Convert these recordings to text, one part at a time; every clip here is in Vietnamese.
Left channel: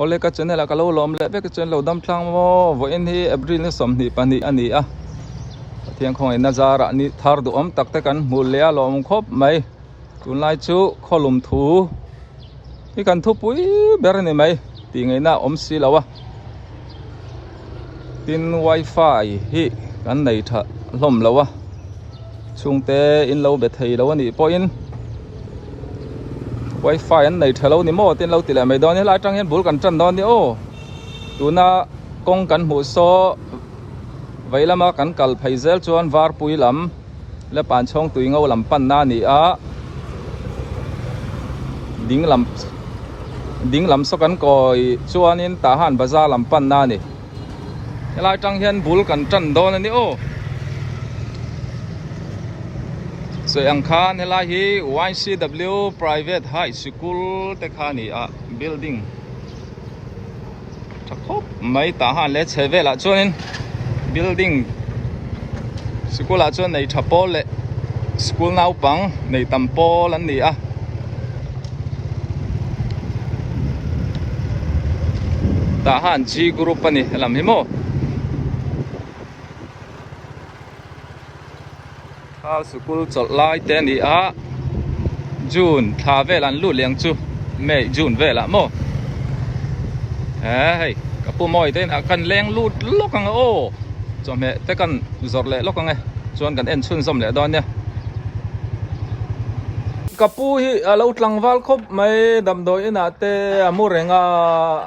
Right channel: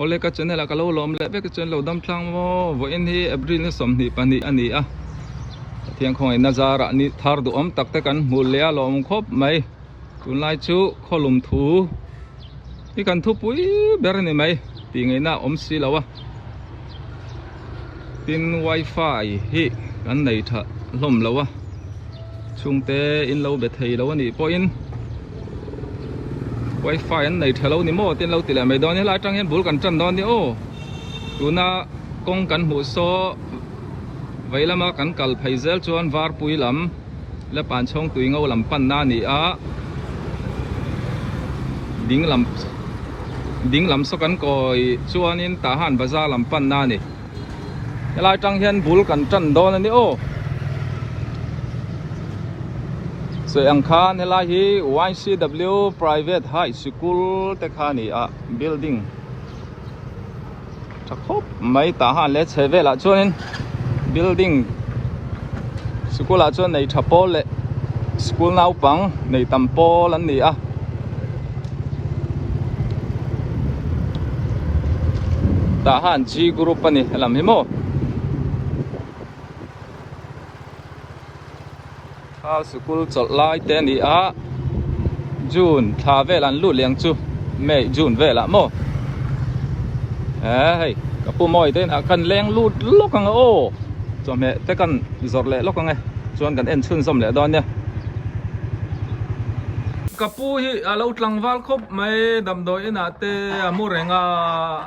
ole ka chen la ka lo lom le be ka chen lo dam thlang mo vo en hi april ni som ni pani ani a thiang khong en nazara ni thar du om tak te kan mul le lom khop mai tun lai chu kholum thu hi kan thu pui ber ni mai ti ngai na om si lawa tin wifi hi kan nei tha lom lawa chung te in lo be thei lawa ni po in wifi an nei thalo ni mo tin lo ti la mai don ni la tang hen bul kan chan don ni o tuna kong kan mu so vailama kan kal phaizel chuan var pui lam le pan chong tui ngau lam pan na ni a ding lam so kan koi chuan in ta han bazar lam pan na ni la tang hen bul kan chan don ni o so ang khan hela hi YCW private high school te khani a building thakop mai ta han le cheve la chuan building school a chuan nei thapol le school nau pang nei tampol an ni a ta han G group ani lam hi moข้าวสกุลจดลายเตนี่อะจูนทาเวลันลู่เลี้ยงจูไม่จูนเวละโมเฮ้ยกับปูมอยเต้นกันเลี้ยงลู่ลกกังโอ้จอมเฮแต่กันจดเละลกกังไงจวนกันเอ็นชุนสมเละตอนเนี้ยกับปูฮีเราตั้งวัลคบไม่ดำโดยนาเตอมูเรง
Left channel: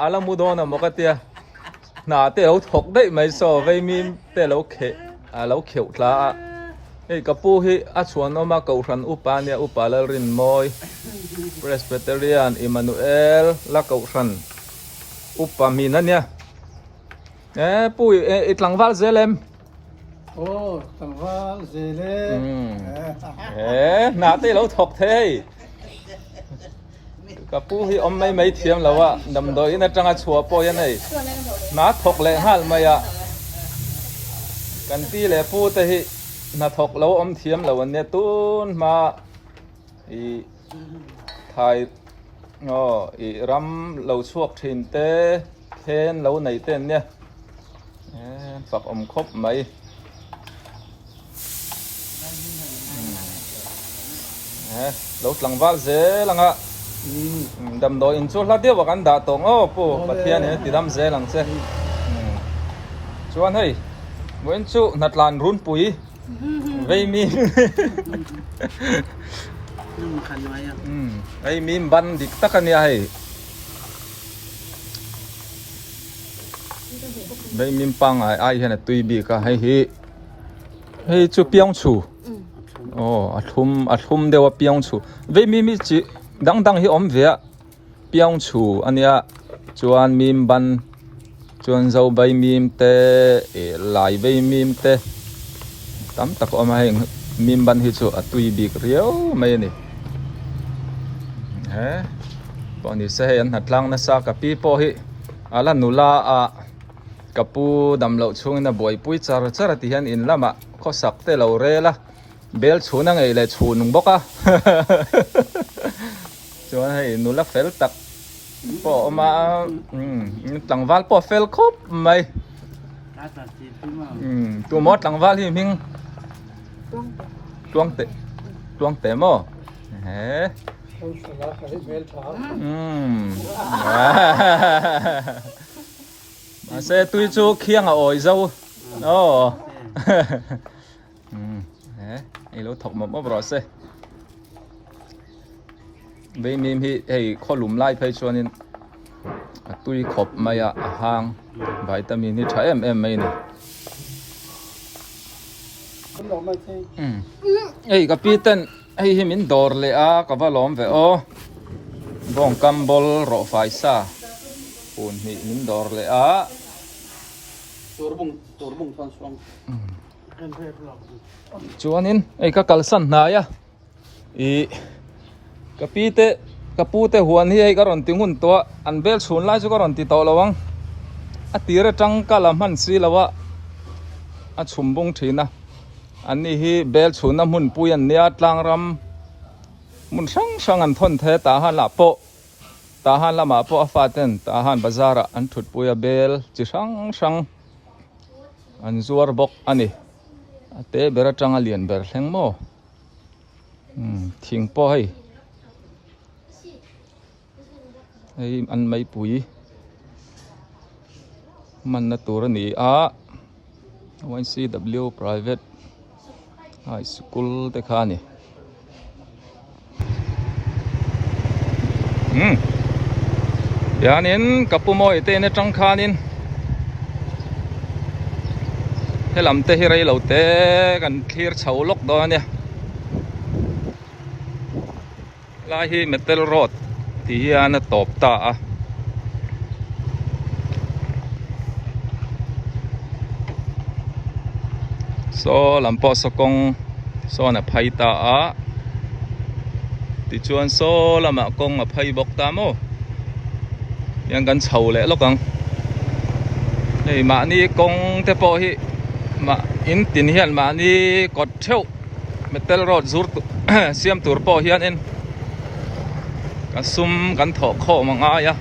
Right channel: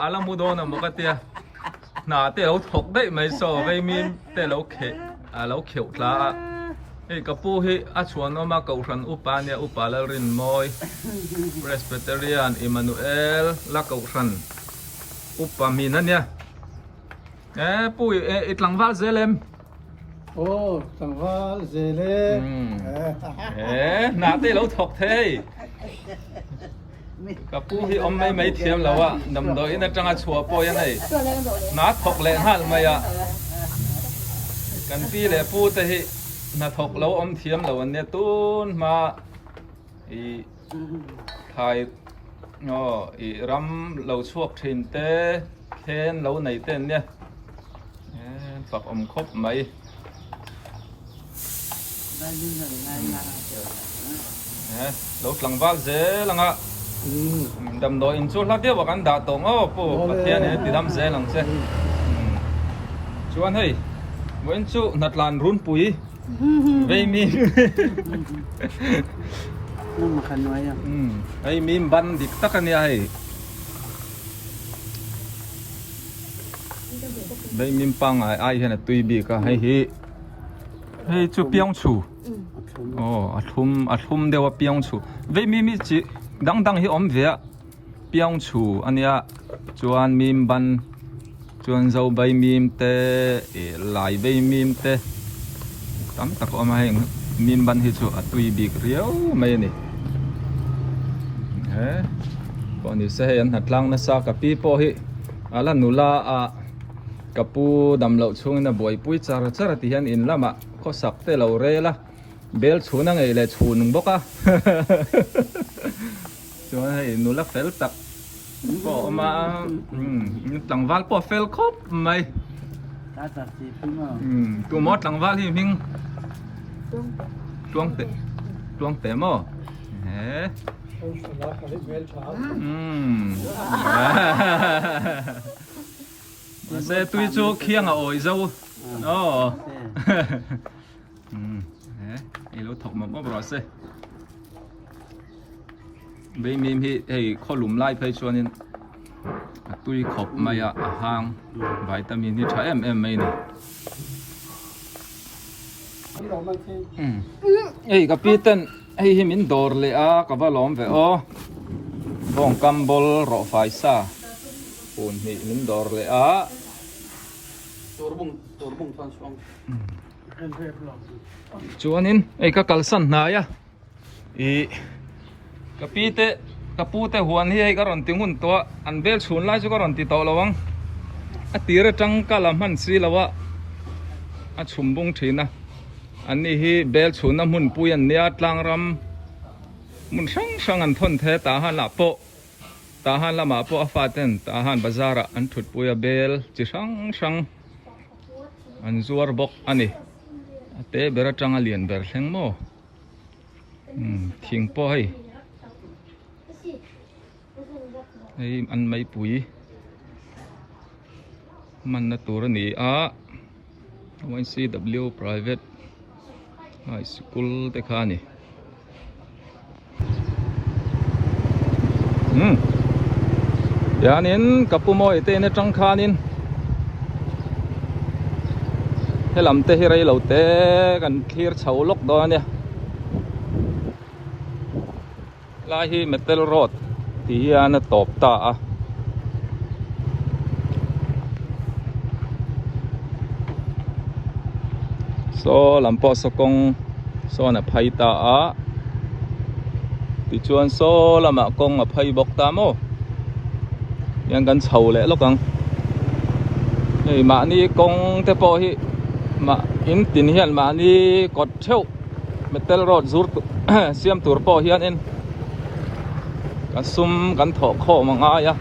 อาลามูโดนะมกเตียนาเตเราถกได้ไม่โซ่ไม่มีเตเราเขเราเขียวละเฮ้ยกับปูฮีอาชวนออกมาเกาชันอุปาเนี่ยอุปาเลรินมอยเพรสเบเตเรียนอิมานูเอลและเกาชันอุปามีนั่นเนี่ยปูอีหลังวัลเซเลมโอ้หลังวัลเซเลมนาเต้เราถกเทยกับปูฮีอมไม่เทียมแล้วอะดำโดยนั่นจังอาชัวปอยนั่นนาถกเลยฮันมาอะกันที่เลยปูแต่ฮีนาถกเราอมเทียมเราวันนี้ตุ้นมาอีไทยอีรำเราชวกทินเต้เทนเราในเต้นเนี่ยฝักอมครบไหมเราหลังว่าเจ๊หลังอ่ะดำโดอินชูลาเดียวกันด่าตรงโอ้ปูเทียนเนี่ยติดดำเจ๊หลังเจ๊ชวนให้เว้นชูนัดลานรุ่นปุ๋ยไม่มีนั่งมาขันไว้อ่ะไอ้มีบันดิกตะกันเนี่ยให้ได้มีปังไอ้เห็นตุยบีก็ให้จูเปียงชูโอ้อัดทุ่มเดียวว่าเปียงชูเว้มีจีดังให้อมเวียเปียงชูอันเนี้ยจวนมีบันจวนเจ้าใบมีมเตลายใบมีมเตตั้มตะกอมาให้มีบันฮิจูตุยบีกเรียวไม่นี่ปอนี่เสียนหัดลังนะสักปีปอฮิอานุลากับปูดำเหล่าช่วงน่ะบ่อยปุ้ยจาระที่เห็นอินละมะเขาสักเตเหล่าเรละเบลชูนั่งไงเลยชูนุงบกชวนให้นุลาเฟลตักปอมาหลังวัลปอเฟลครบไหมตัวมดหลังวัลที่มิงตวงเตะโม่เสตุยจูเคียงอ่อยเจ้าโอ้ไอ้เราถกมาบ่รอเสใบมีมที่ข้อหลุมไล่ไปชวนนี่ตุยขบมาอ่ะหางวิตามินนี่ใช้ไม่นี่กับพี่เต้นให้มินดอร์เลยกับว่าล้อมไปบ้องกัมบอลรอไฟซ่าปุ่นนี่มินดอร์เลยจวนนี้ก็กัลสันนายกับพี่เต้กับปูเต้หัวนี่ก็รอนติงหุ่นตัวอันเบลชวนไล่ก็รอนติโตระวังตีระจังกะละมันสีละวะชุมบุงทีนะอันนี้ฮีเบลชูน้ำหุ่นปุยอันเนี้ยตลางรำมุนช่างอันทนเทตาหันละโปต tahan lama po afaten tahan bazara an thut puya bel chi sang an zuar bok ani ate bera tanga lian ber thleng mo thing po hei ei an mai pui man na tur ni a YCW private high school te khani yanin kapumoi te ne tang khanin helam te hirai lo te kan clear chho lok do ania lai hi metal road ti hian top ta a so lampo sokong so na phai ta a ti chuan so lama kong a phai bok ta mo yang kan chho le lokang ei ma ni kong te po hi ma in tin hian ma ni kot theu metal road zur siam tur po hian en kan sum kan tho kho manga ya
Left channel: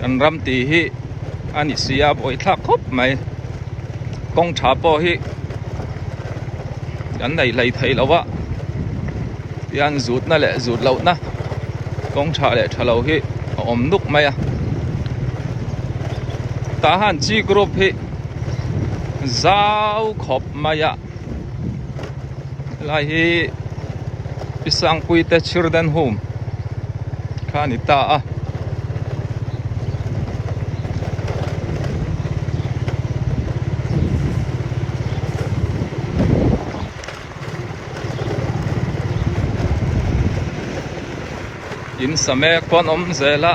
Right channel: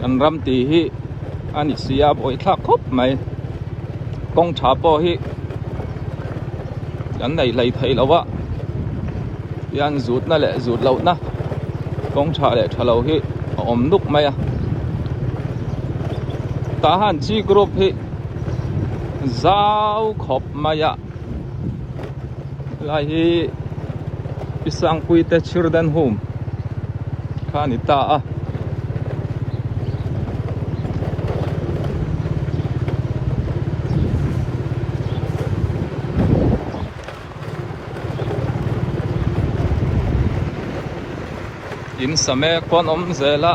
kan ram ti hi ani sia boi thak khop mai kong tha po hi kan nei lei thei lawa yan zut na le zut lo na kong tha le thalo hi om nuk mai a tahan chi group hi zau khop mai a lai hi pisang pui te children home khani ta a in same kon om zela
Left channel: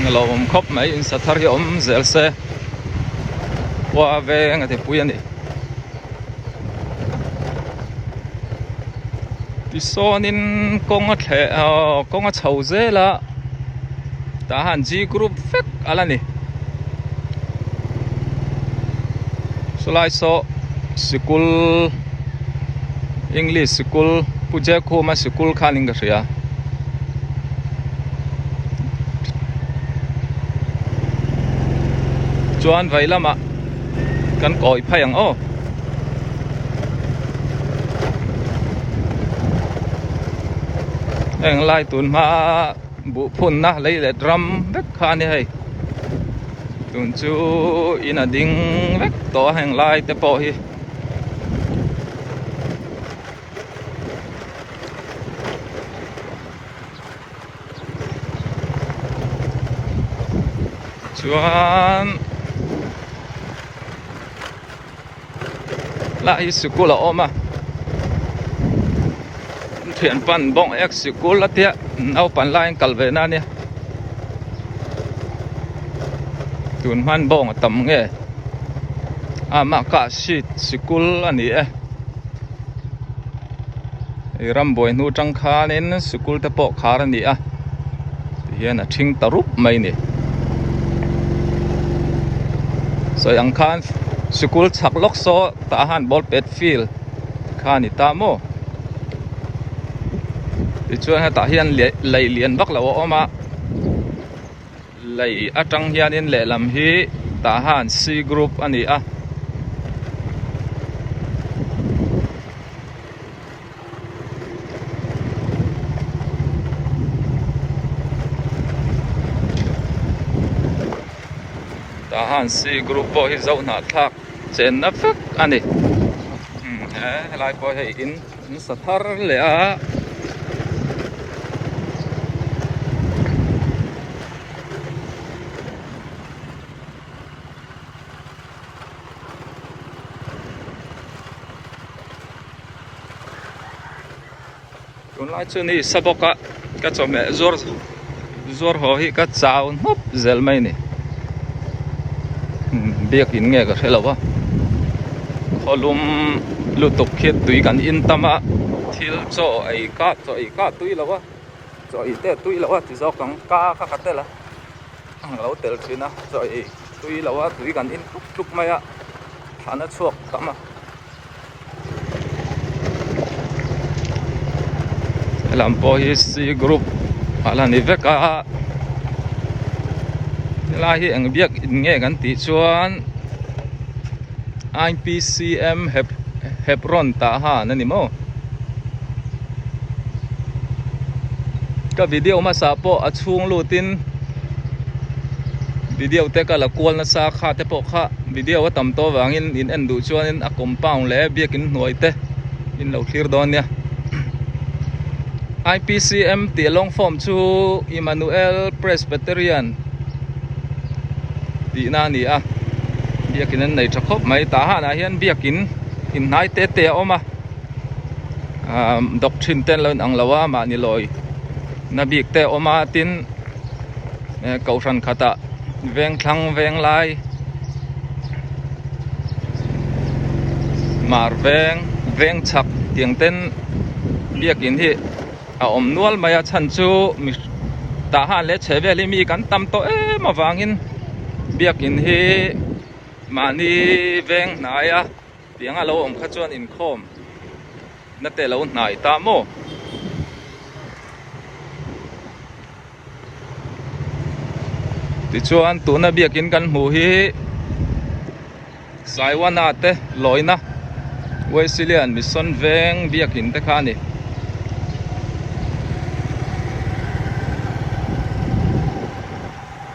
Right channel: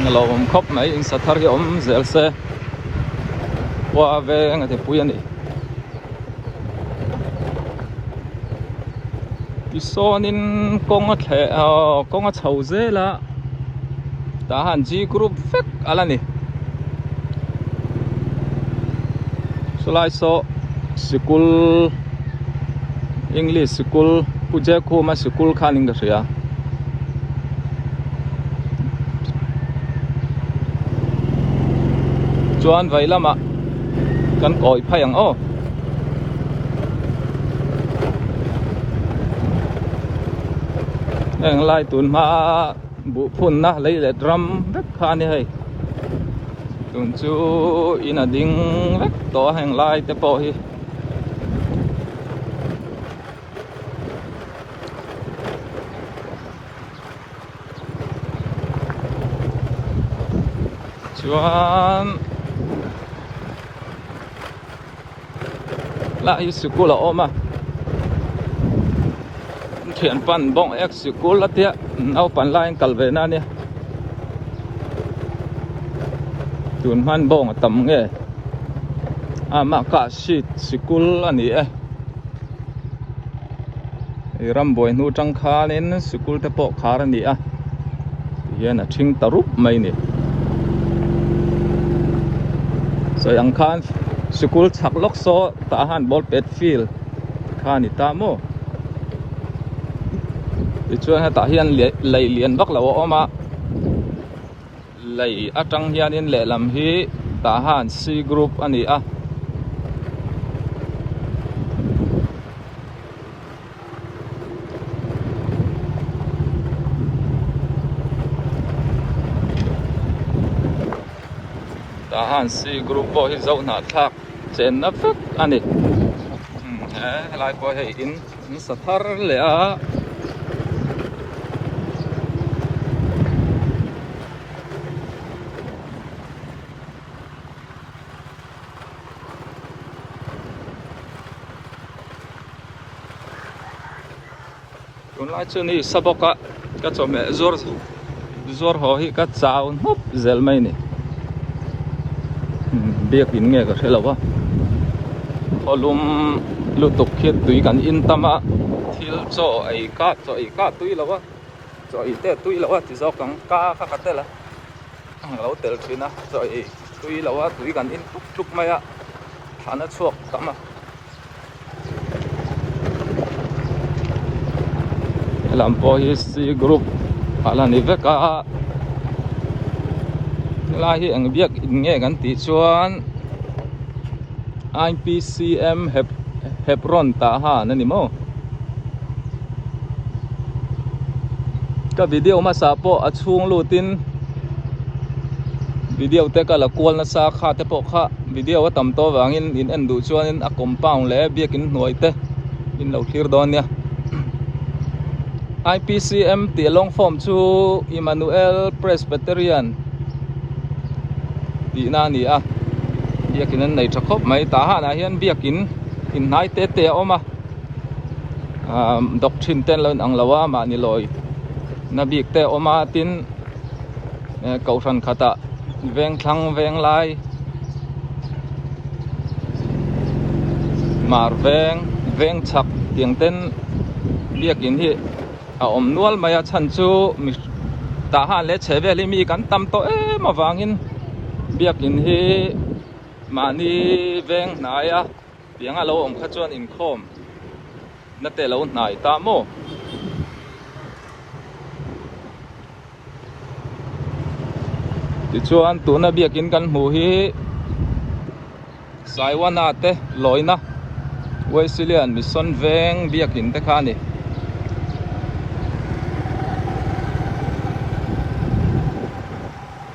ngalo om khop mai in sathar hi om zel se wa ve ngate puyani ti sonin konga the konga chho zela ta han ji group fek alani solai so school English school puje ko ma school khaning ga ria chuan vai lama kan koi phayang o eng lai tun ma bu phun na lei le drum vek khani hei tun chu ina ding vek to heng lai te po hi chuan lại school là ôm à thiện pan bong ex school là tiệt nấu pan lại cල් về na nè tuần man bong tầm nghe à mà cả shit school anh ấy ram boy nu trăng kha nên school te po khá anh ấy à hiện là thinh tarup mai nè so ang khan school chak lok so tahan ball pet field khani ta mo ti chuan ha ta hian lei lian bak lo oma lei atang hian in le lam hi tahan C group ani a tahan C group po hi zo na thak chen na phek ani lai po hei in sathar le a tun lai chu ni saboka ka chome zor ho hi ka chaw hop zel mai ni biak in nge ka thelawa kolum lutuk khit tui kan in tama thil cho ai ka tui lawa cho i te tui lawa ti zo kang ka kha te la ang lo tel thina cho i tui lawa tui kan in thuk maya khana chuak tama làm po hi C group ala ni veka la hi ang biak nge kan ti chuan IPCM Hebron ta ha nani mo ka video ma sa po at chung lutin video te ka la kwal na sa kha te po kha video tam to wangin in endu chuan in a compound le biakin hnuai te in lo thlir don nia IPCM ti long form chu Emmanuel Presbyterian ti na ni a biakin an nei thakop mai ta ha na hian biakin in nai te te oma doctrine ten lon ang lawa ma ni loi na biak te oma tin kau ran khata veng thlang veng lai mar veng chak tiang ten biakin hi a om nual maya chan chu mi ta han le cheve li mi kan tam to e ma wangin biakin hi mani veng naya tiang a lo om kha chuan in khom na te lo nai ta mo ti chuan tuna biakin kan hmu hi saiwana te loina Wesleyan mission veng biakin te kha ni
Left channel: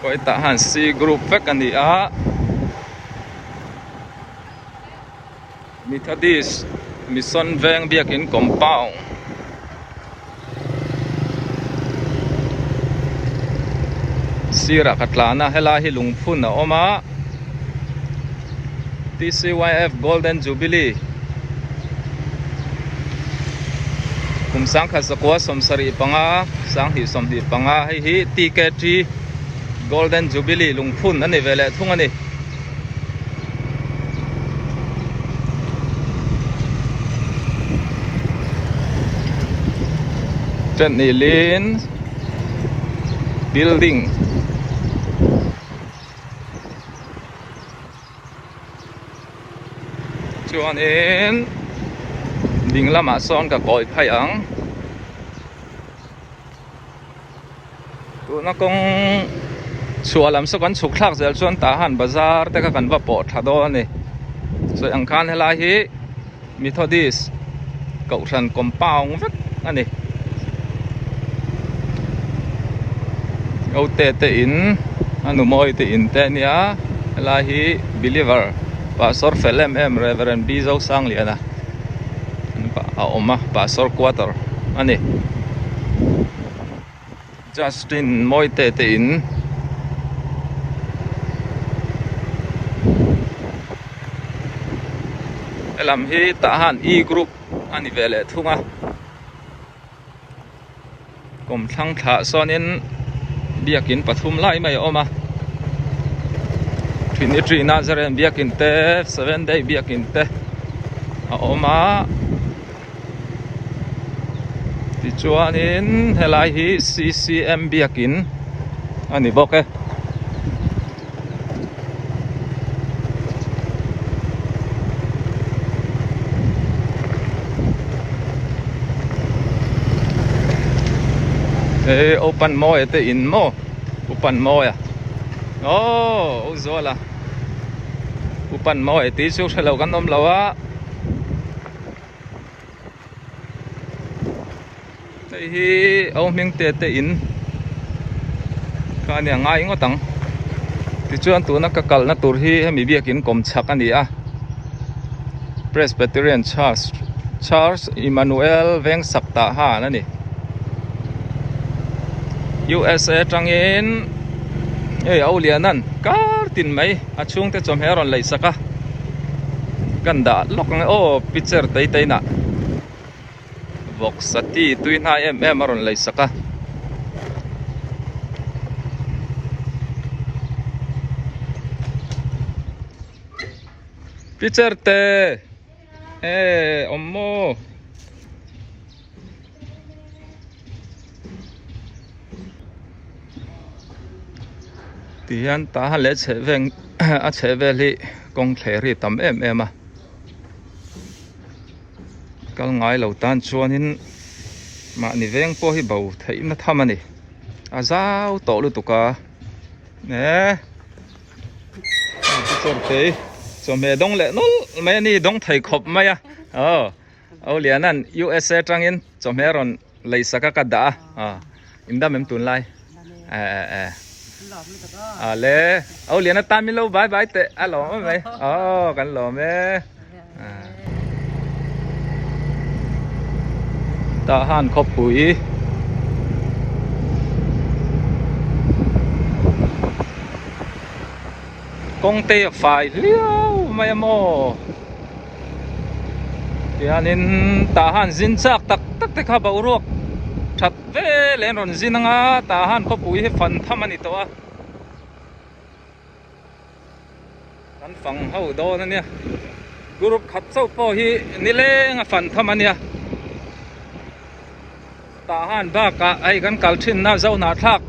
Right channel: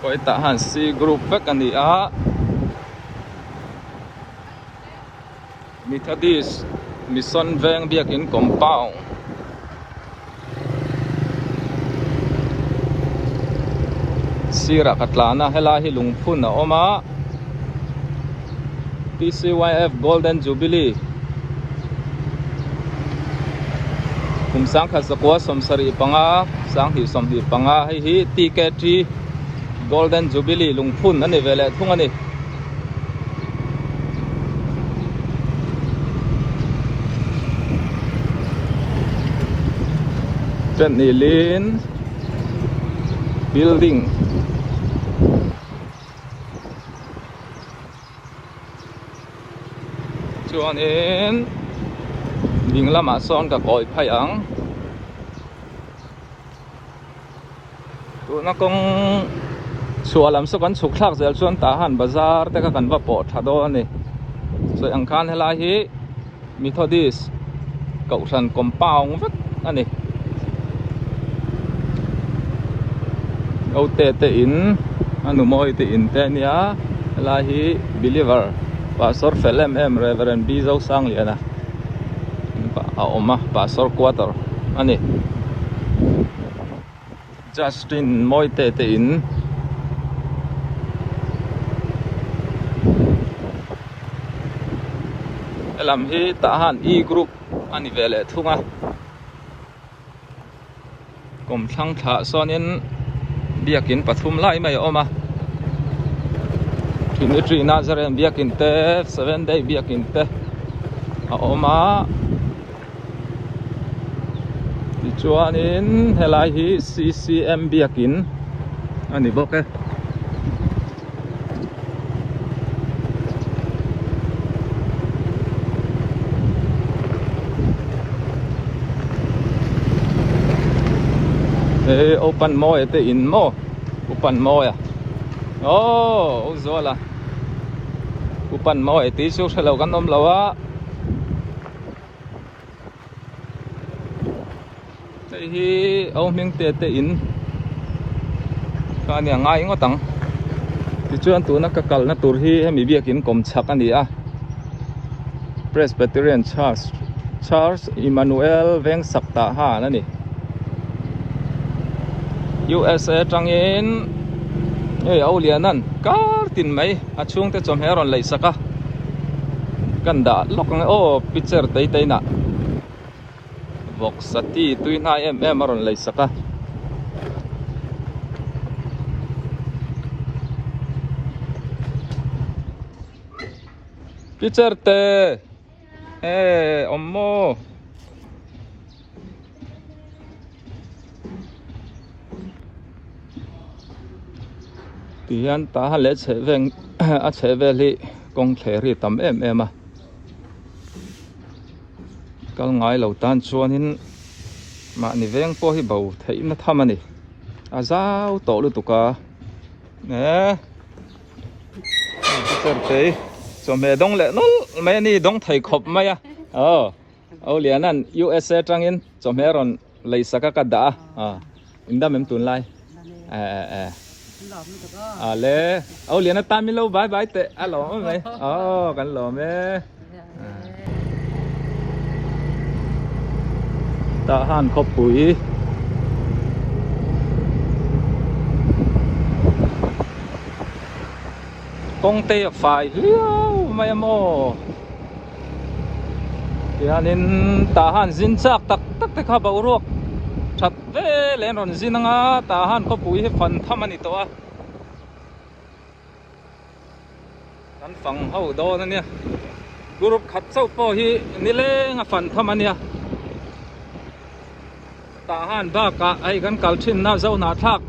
koi ta han C group vek ani a Methodist mission veng biakin compound Sira Katlana hela hi lungphun na oma TCYF Golden Jubilee kumsang khasakwa somsari panga sang hi somhi panga hi TK3 Golden Jubilee lungphun ani vele thung ani Nilin building chuan in ding lama son ka koi phai ang tu na kong chualam so kan chuk thak zel chuan ta han bazar te ka kan va po thado ani so ang khan hela hi Methodist cậu thần compound vek ani âu te te in anu moi te in te nia la hi believer pastor felem reverend bizo sang liana pa oma pastor quarter ani Justin moi te te in elam hi tahan e group ani vele thunga kom thang tha sonin biakin pathum lai mai oma Trinity Nazareth biakin te 7 day biakin te oma ti chuanin helai hi CCM biakin ani boke open mo ete in mo open mo ya oh uzola open mo ete su thelo kan om lawa hi au ming te te in ka nia ngai ngotang ti chuan tu na ka kal na tur hi hemi biakin kom chak ani a Presbyterian Church Emmanuel veng sakta ha na ni USA tangin aulianan kartin mai achung te chom heron lai saka kanda lokang o picture tai tai na box sati tuina maron lai saka picture te ommo tiyan ta le cheveng a cheveli kong thleri tam em a kal ngai lo tan chuanin mà ni veng po hi bầu thấy nó thâm anh à zao tổ luôn tụ cả nè cái cái cho mẹ đông lệ nó mẹ ni đông thầy khop mày à liền anh USA trang in cho mẹ rồi lấy saka cả đã inda mem tun lai le liền ta mi lâu bye bye te alo mày kan lo mẹ ta han khop bụi công ty phải liêu mày mò kia nên ta han zin chắc tak tak tak ha bau ruột chặt về lên rồi zin nga ta han khop bụi phần thăm anh to kan phẳng hậu đó nè group khát sâu po hi nile nga phần thăm anh ta han ba ka ai kan kal thin na zo na thak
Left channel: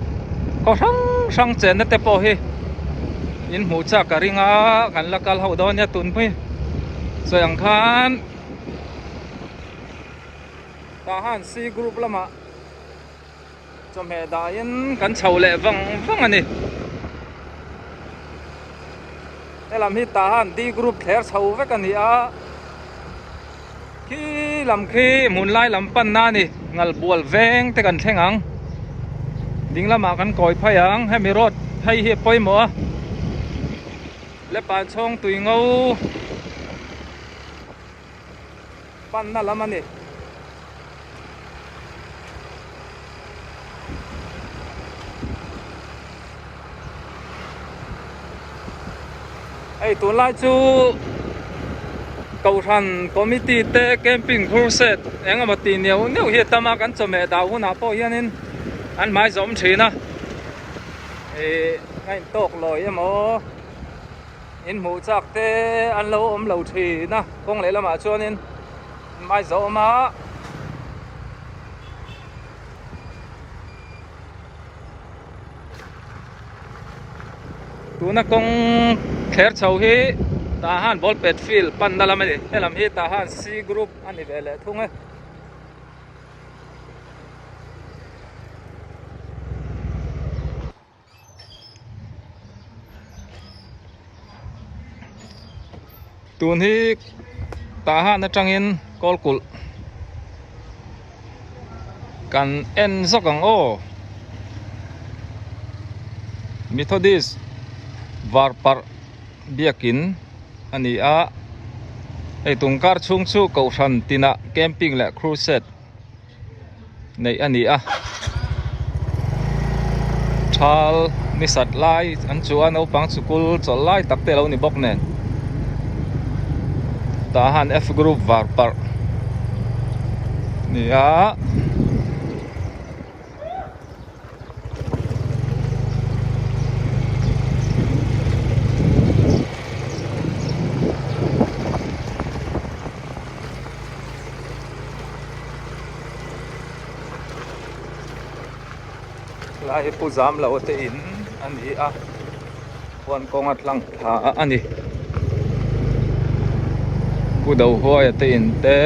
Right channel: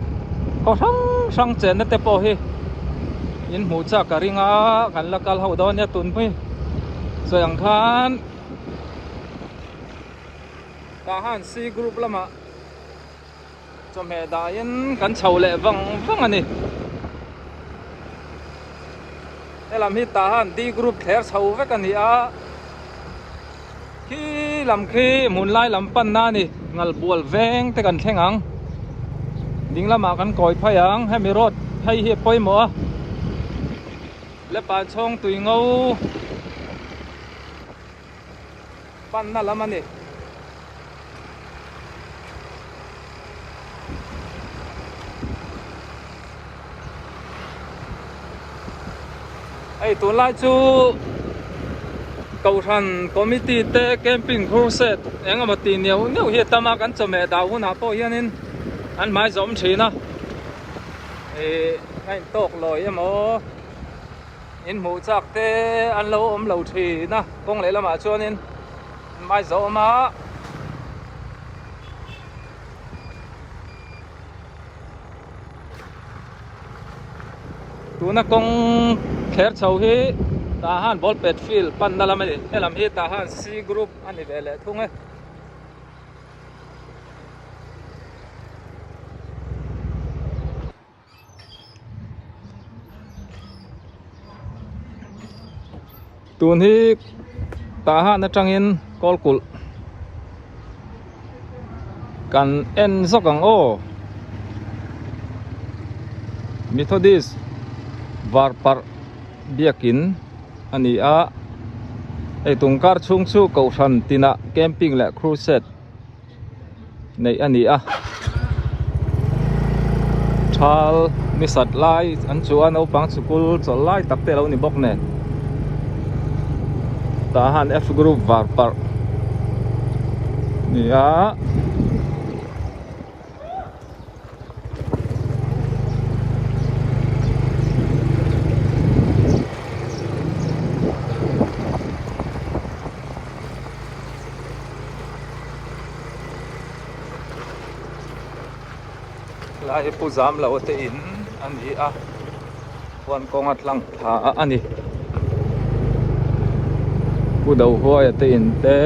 ko sang chen na te po hi in mu cha ka ringa kan la kal ho do nya tun pui so yang khan ta han si group lama so me da in kan chau le wang wang ani elam hi ta han di group kher chau ve kan hi a khi làm khi muốn lai làm pan na ni ngal buol veng te kan thengang ding lama kan koi phayang he mi rot thei hi poi mo le pa chong tui ngau pan na lama ni ai tu lai chu cầu thần committee te camping crusade anh mà tiền nhiều nếu hiện tại mà cần cho mẹ đào hun nào po hiện nên anh mai giống chỉ na anh tóc lồi em mò in mù chắc te anh lâu ôm lâu chỉ na không lấy là mà cho nên mai giống mà tu na công kher chau hi ta han ball pet field pan dalam ni elam hi ta han C group ani vele thung e tun hi ta han na tangin kolkul kan en zokang o Methodist varpar biakin ani a ei tungkar chung chu ko than tina camping le crusade nei ani a thal ni sat lai an chu an opang chukul chol lai takte lo ni bok ne ta han F group varpar ni a lai pu zam lo te in ani a wan kong atlang tha ani pu dau hoi te in te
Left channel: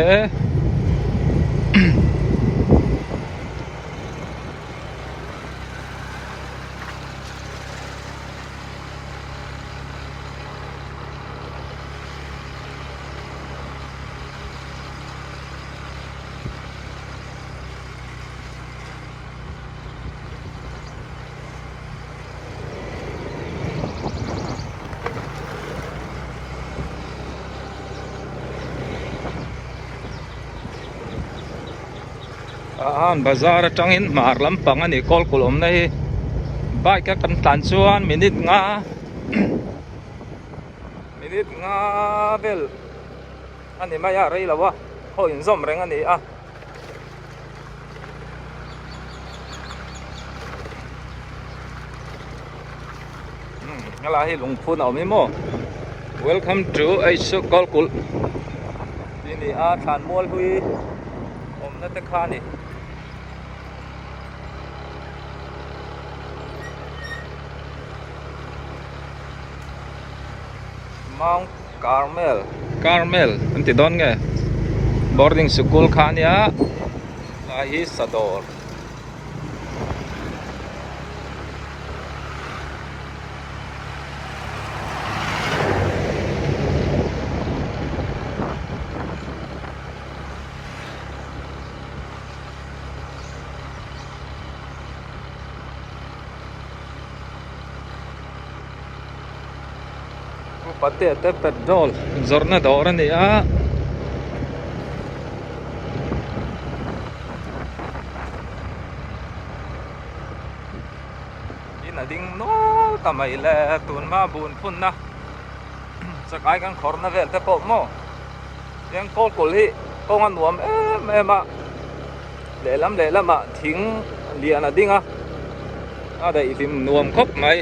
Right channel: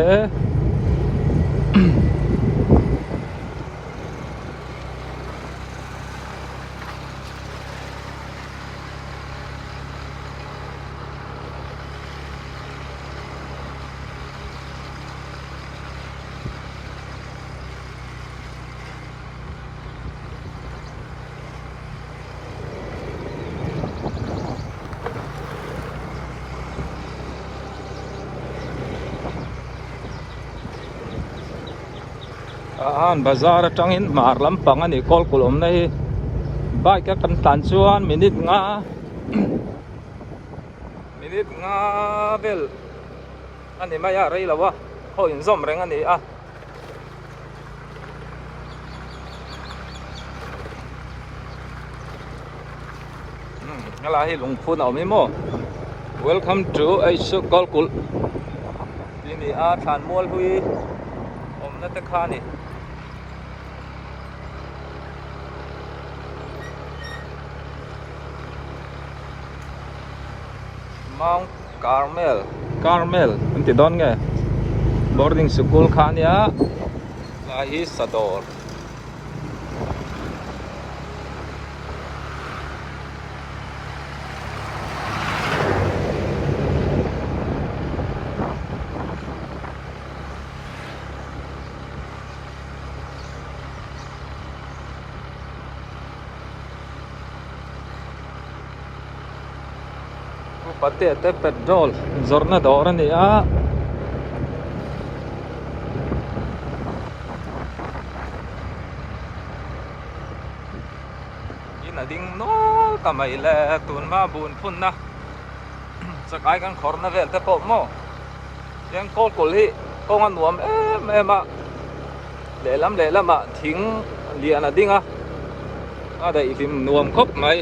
bazar atangin mar lampang ani kol kulom nei bike ka kan tan chuan minute nga bel ani maya rei lawa ho in zom reng ani a ngala hi lungphun aw mi mo welcome to aisu kolkul ini a than mol hui om na te khani Mount Carmel anti don nge boarding school khania hi sador pati te petrol zorna dor ni a ina ding no kamai le tun ma bun phun na sakai kan khorna vel te po mo yang ko kol hi ko ngan nuam em ma le lam ma thing lian a ding a dai tim nuam khop mai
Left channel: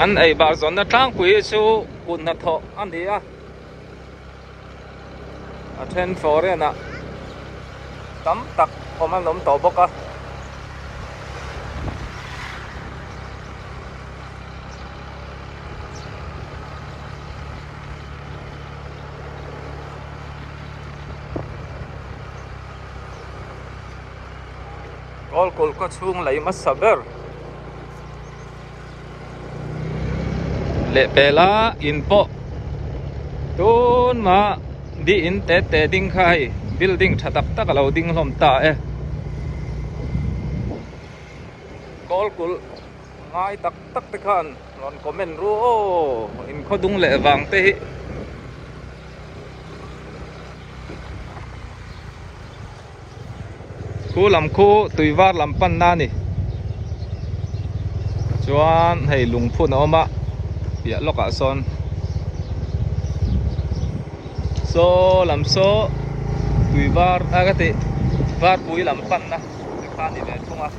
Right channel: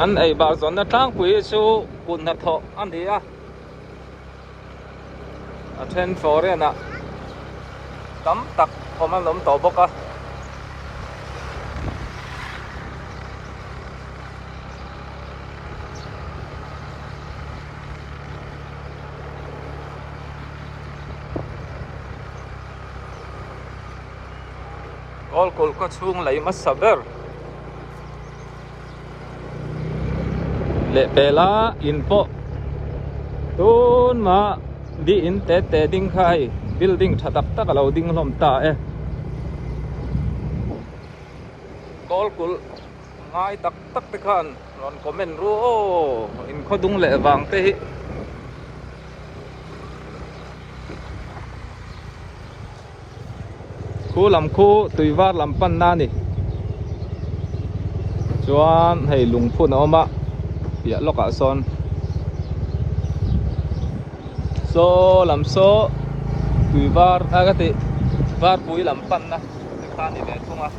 anh ấy bảo rằng nó trang quý số cuốn nát thọ anh đi à trên phố đây nè tắm tặc hôm anh lắm tổ bốc à call có chung lấy mất saber lệ pela inpo tun ma di in te ding khai building thatak tak lo ding lom ta kol kul ngai tak te khan ron comment ru in khodung le wang te hi khu lam khu tuiwar lam pan na ni chuan hei lungphun oma bia loka son so làm số tùy var cái gì var cuối làm pan na cái khan đi đến không à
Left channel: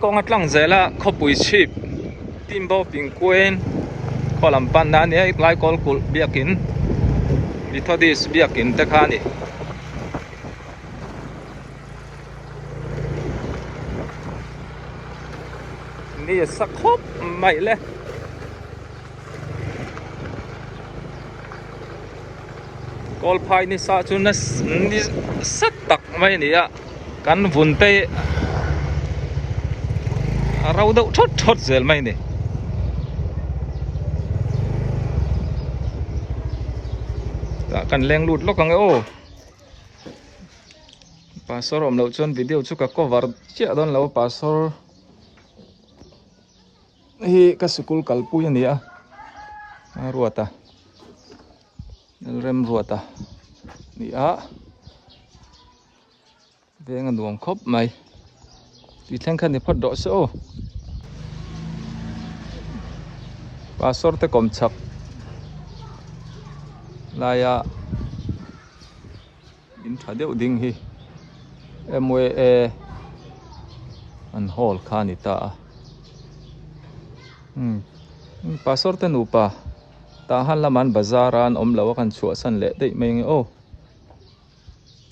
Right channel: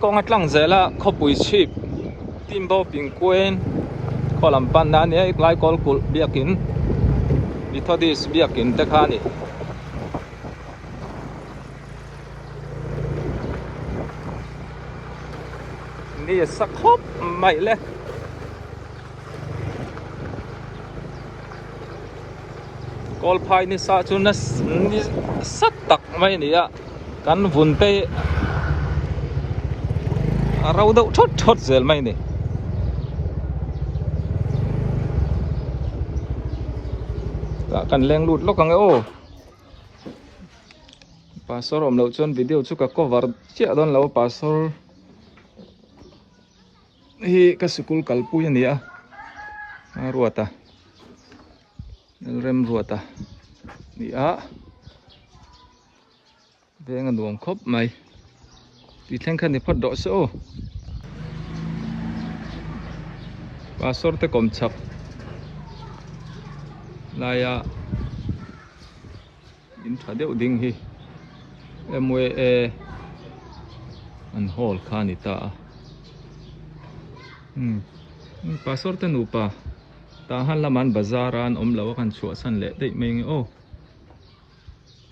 con ngắt lăng dễ là khó bùi chip tim bao bình quên có làm pan na này lại có cột bia kín đi thôi đi bia kín te khan điนี่สักครบใหม่เลยกอลพายนี่ซาจุนนี่สักตักไม่เนี่ยกันวุ่นเตะเราเดาชดเสียไม่เนี่ยกันแรงหลุดล็อกกันไงโอ้ปาสรอมเราจนวิดีโอชุกก็วาร์เจ้าดอนเราปาสรhi ka school kalpu yan dia ruata rem ruata ni a venga nuam khop mai ti thleng khan ni phot do so pastor te kom chap laya in thadeu ding hi emwe an hol khani ta pastor te nupa tahan laman bazaran om lawa kan chua san le dei meng o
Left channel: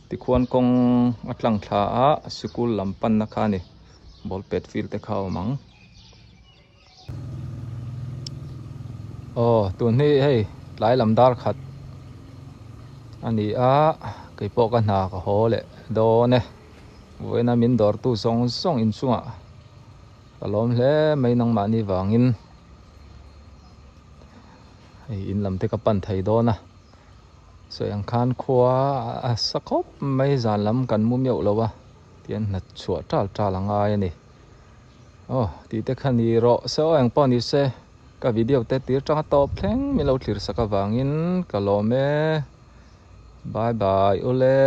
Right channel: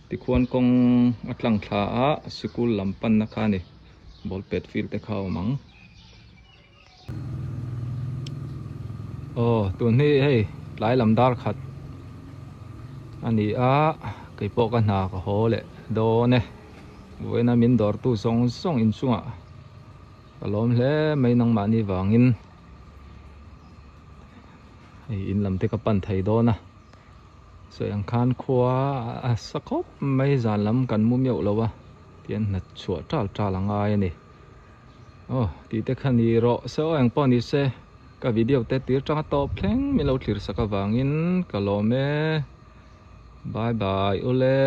ti khuan kong atlang thla a sikul lampan na khani ball pet field te khaw mang tun hi hei lai lamdar khat ani a kai po ka na ka hole do ne voina min dor tu song in chunga kalom hle mai nang mani wangin in lam te ka pan thai do na so yang khan khwa sakop mai zan lam kan mum yo lowa tian na chua tal anga ni ti te khani ro so ang pon ni se ka video te tir tang top thleng mi lo thlir saka wangin kalome bye bye ole